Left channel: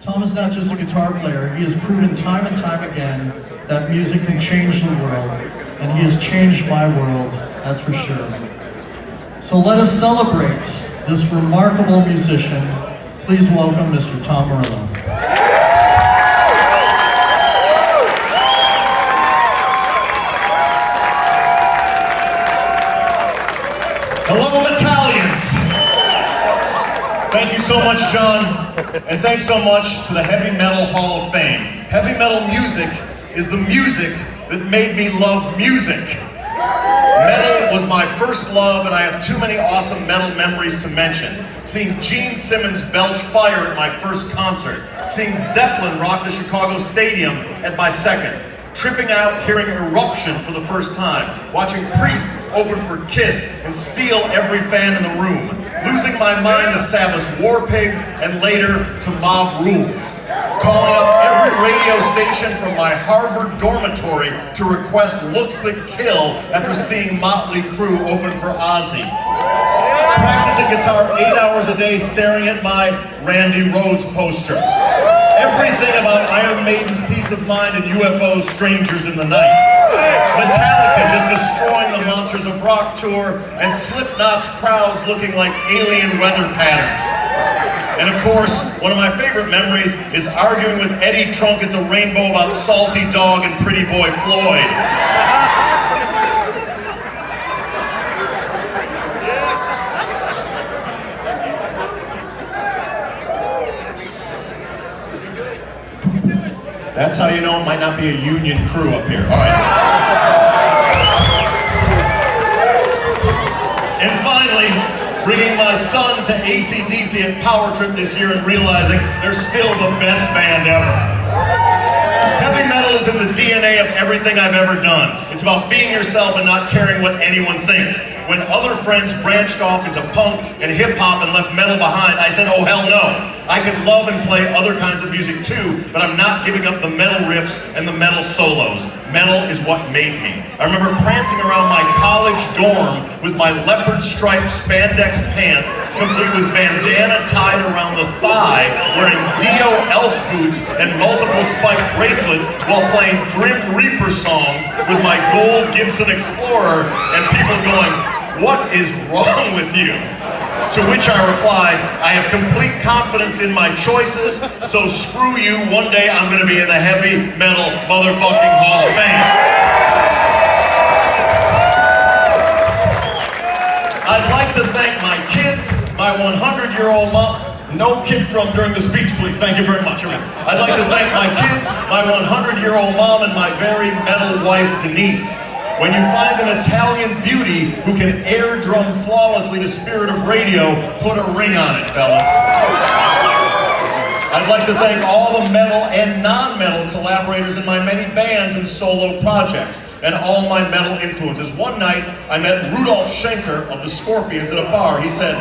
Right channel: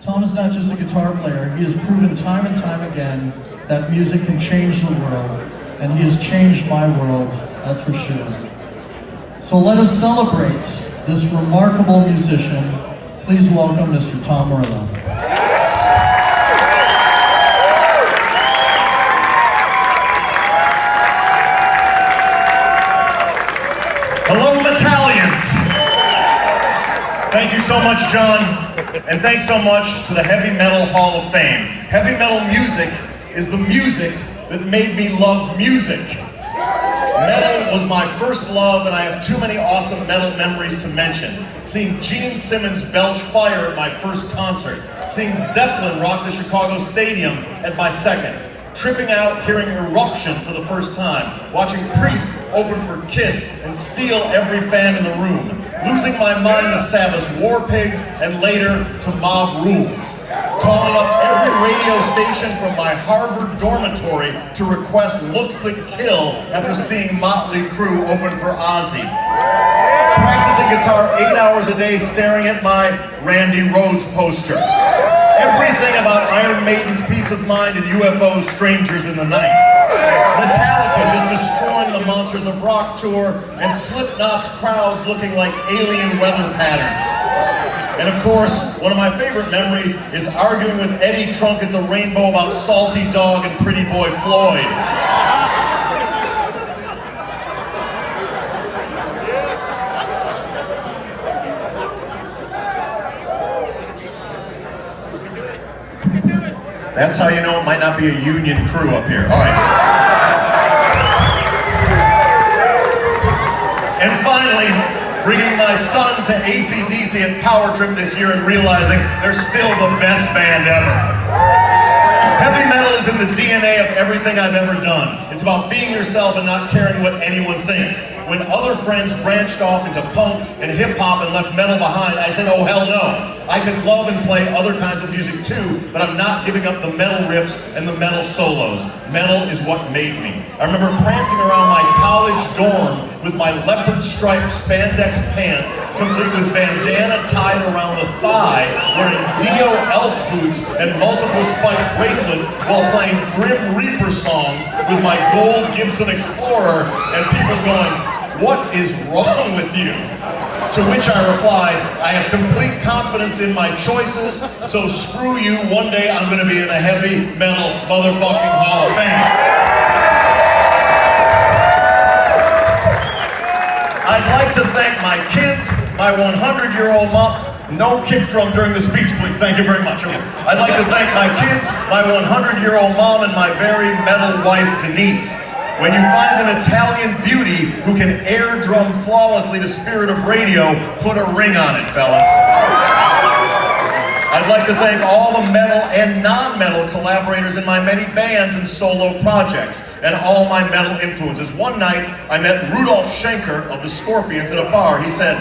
Tom is not just a guitar player, he has proven time and time again that music can change the world, and he has changed my world, that's for sure. So let us celebrate this remarkable musician. Please welcome Mr. Tom Morello. Hello, Italians! Thank you so much, John. And thanks so much to the Heavy Metal Hall of Fame. Heavy metal music is the music that made me love music. Metal was my first love, and I have too many awesome metal memories to mention. Seeing Gene Simmons belch fire at my first concert. Seeing Zeppelin rock the Chicago Stadium at my second. Tripping out hearing Eruption for the first time. Watching Priest open for Kiss and steal every fan in the room. Losing my mind to Sabbath's War Pigs and later to Mob Rules. Calling up every radio station from my Harvard dormitory to request Looks That Kill after seeing Motley Crue open for Ozzy. Practicing guitar 8 hours a day staring at my Randy Rhoads poster. Everything about Iron Maiden's Peace of Mind and UFO's Strangers in the Night. Metallica just destroying the Monsters of Rock tour and Slipknot's crowds looking like alien weather patterns. And of course, one of my favorite memories is arguing with Eddie Trunk at the Rainbow about Salty Dog and Pretty Boy Floyd. That's how you know it might not be a union crew up here. All right. And finally, bringing my son to AC/DC at Power Trip this year and realizing they're still the best band ever. Heavy metal is in the DNA of everything I've ever done. It's about being yourself and not caring what anyone thinks. When other friends branched off into punk and hip-hop and left metal behind, I said, oh hell no. I could love and play other kinds of music too, but I'm not giving up the metal riffs and the metal solos. Metal is what made me. I remember prancing around my college dorm with my leopard striped spandex pants, complete with bandana tied around the thigh, wearing Dio elf boots and multiple spiked bracelets while playing Grim Reaper songs with my gold Gibson Explorer, and people going, what is wrong with you? To which I replied, I have complete confidence in my choices, so screw you, one day I'm gonna be in the Heavy Metal motherfucking Hall of Fame. I'd like to thank my kids, my 100-year-old mom. No kick drum during the speech, please. Thank you very much. I'd like to thank my kids, my 100-year-old mom, and my very metal wife, Denise. When you find an Italian beauty who can air drum flawlessly to Spirit of Radio, put a ring on it, fellas. I'd like to thank all the metal and non-metal collaborators in my many bands and solo projects, and all my metal influences. One night, I met Rudolf Schenker of the Scorpions at a bar. He said,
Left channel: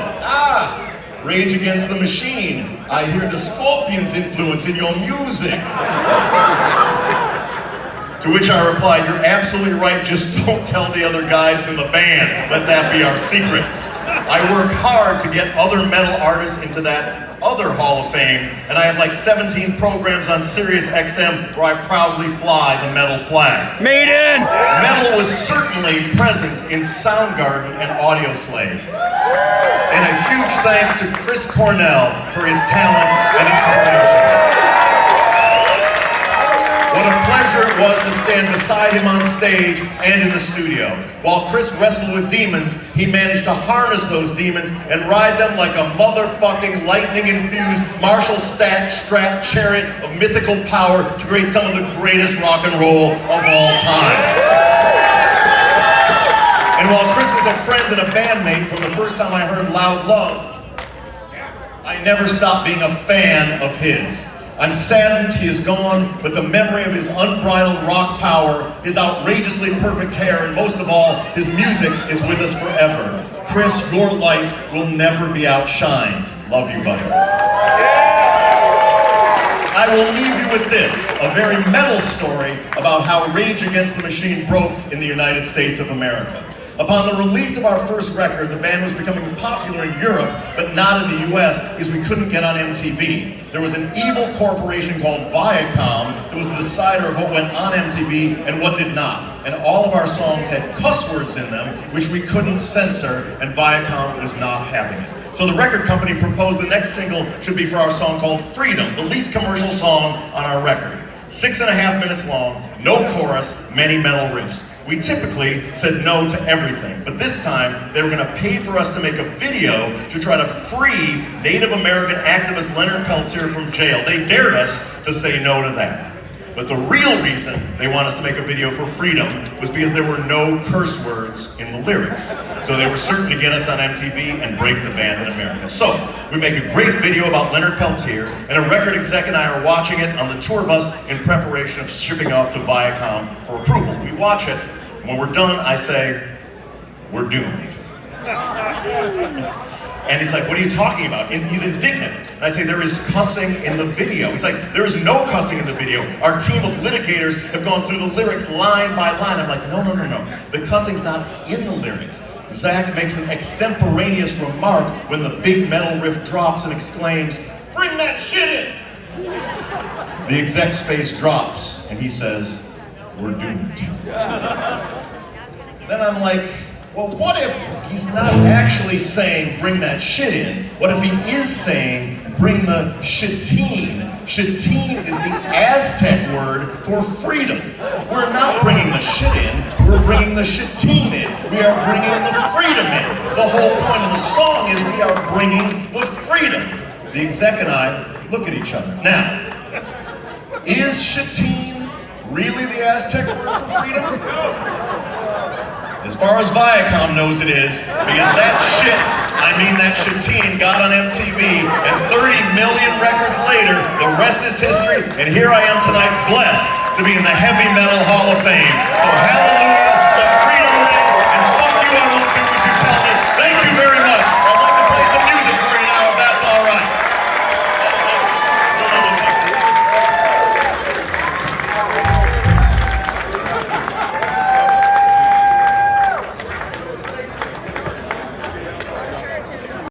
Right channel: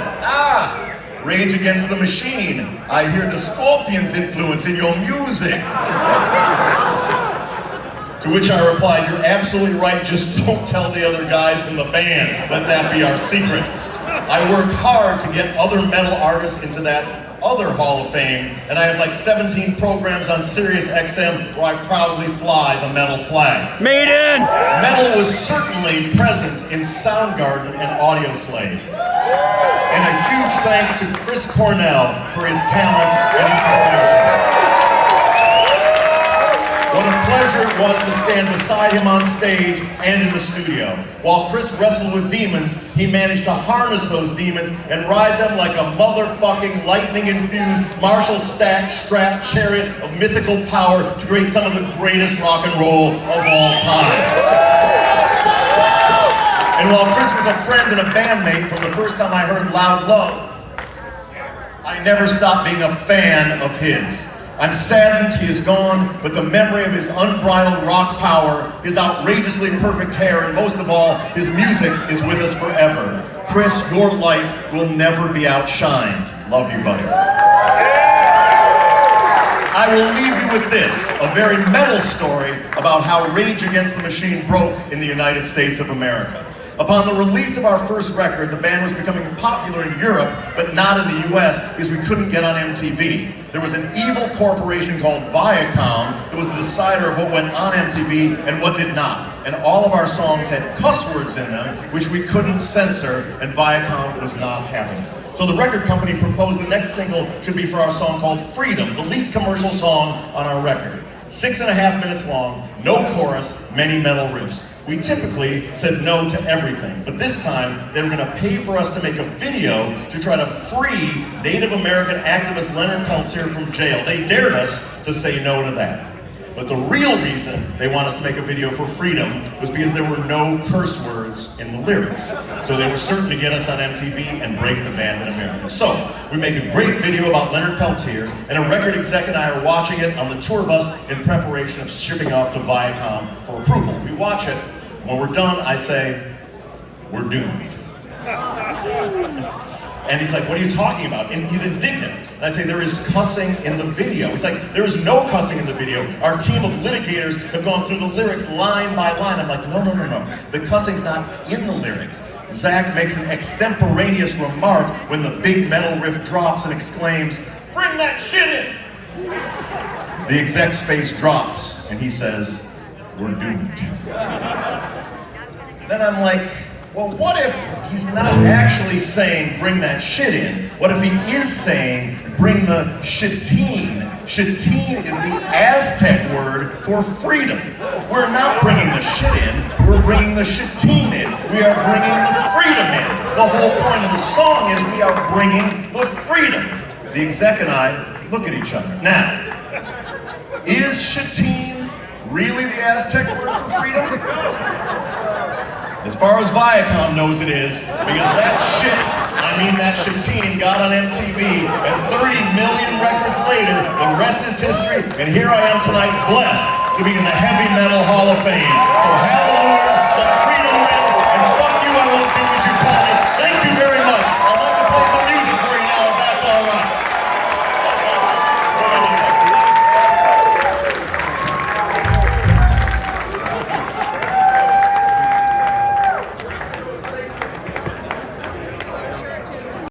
Rage Against the Machine. I hear the Scorpions influence in your music. To which I replied, you're absolutely right, just don't tell the other guys in the band. Let that be our secret. I work hard to get other metal artists into that other Hall of Fame, and I have like 17 programs on Sirius XM where I proudly fly the metal flag. Maiden! Metal was certainly present in Soundgarden and Audioslave. And a huge thanks to Chris Cornell for his talent and inspiration. What a pleasure it was to stand beside him on stage and in the studio. While Chris wrestled with demons, he managed to harness those demons and ride them like a motherfucking lightning-infused Marshall Strat chariot of mythical power to create some of the greatest rock and roll of all time. And while Chris was a friend and a bandmate from the first time I heard Loud Love, I never stopped being a fan of his. I'm saddened he is gone, but the memory of his unbridled rock power, his outrageously perfect hair, and most of all, his music is with us forever. Chris, your light will never be outshined. Love you, buddy. I will leave you with this, a very metal story about how Rage Against the Machine broke in the United States of America. Upon the release of our first record, the band was becoming popular in Europe, but not in the US, because we couldn't get on MTV. There was an evil corporation called Viacom that was the decider of what went on MTV and what did not. And all of our songs had cuss words in them, which we couldn't censor, and Viacom was not having it. So the record company proposed the next single should be for our song called Freedom, the least commercial song on our record. 6.5 minutes long, no chorus, many metal riffs. We typically said no to everything, but this time they were going to pay for us to make a video to try to free Native American activist Leonard Peltier from jail. They dared us to say no to that. But the real reason they want us to make a video for Freedom was because there were no curse words in the lyrics. So they were certain to get us on MTV and break the band in America. So we make a great video about Leonard Peltier, and a record exec and I are watching it on the tour bus in preparation of shipping off to Viacom for approval. We watch it. When we're done, I say, we're doomed. And he's like, what are you talking about? And he's indignant. And I say, there is cussing in the video. He's like, there is no cussing in the video. Our team of litigators have gone through the lyrics line by line. I'm like, no. The cussing's not in the lyrics. Zach makes an extemporaneous remark when the big metal riff drops and exclaims, bring that shit in! The exec's face drops, and he says, we're doomed. Then I'm like, well, what if he's not actually saying bring that shit in? What if he is saying bring the shitine? Shitine is the Aztec word for freedom. We're not bringing the shit in, we're bringing the shitine in. We are bringing the freedom in. The whole point of the song is we are bringing the freedom. The exec and I look at each other. Now, is shitine really the Aztec word for freedom? As far as Viacom knows it is, because that shit, I mean that shitine, got on MTV, and 30 million records later, the rest is history, and here I am tonight blessed to be in the Heavy Metal Hall of Fame. So hallelujah.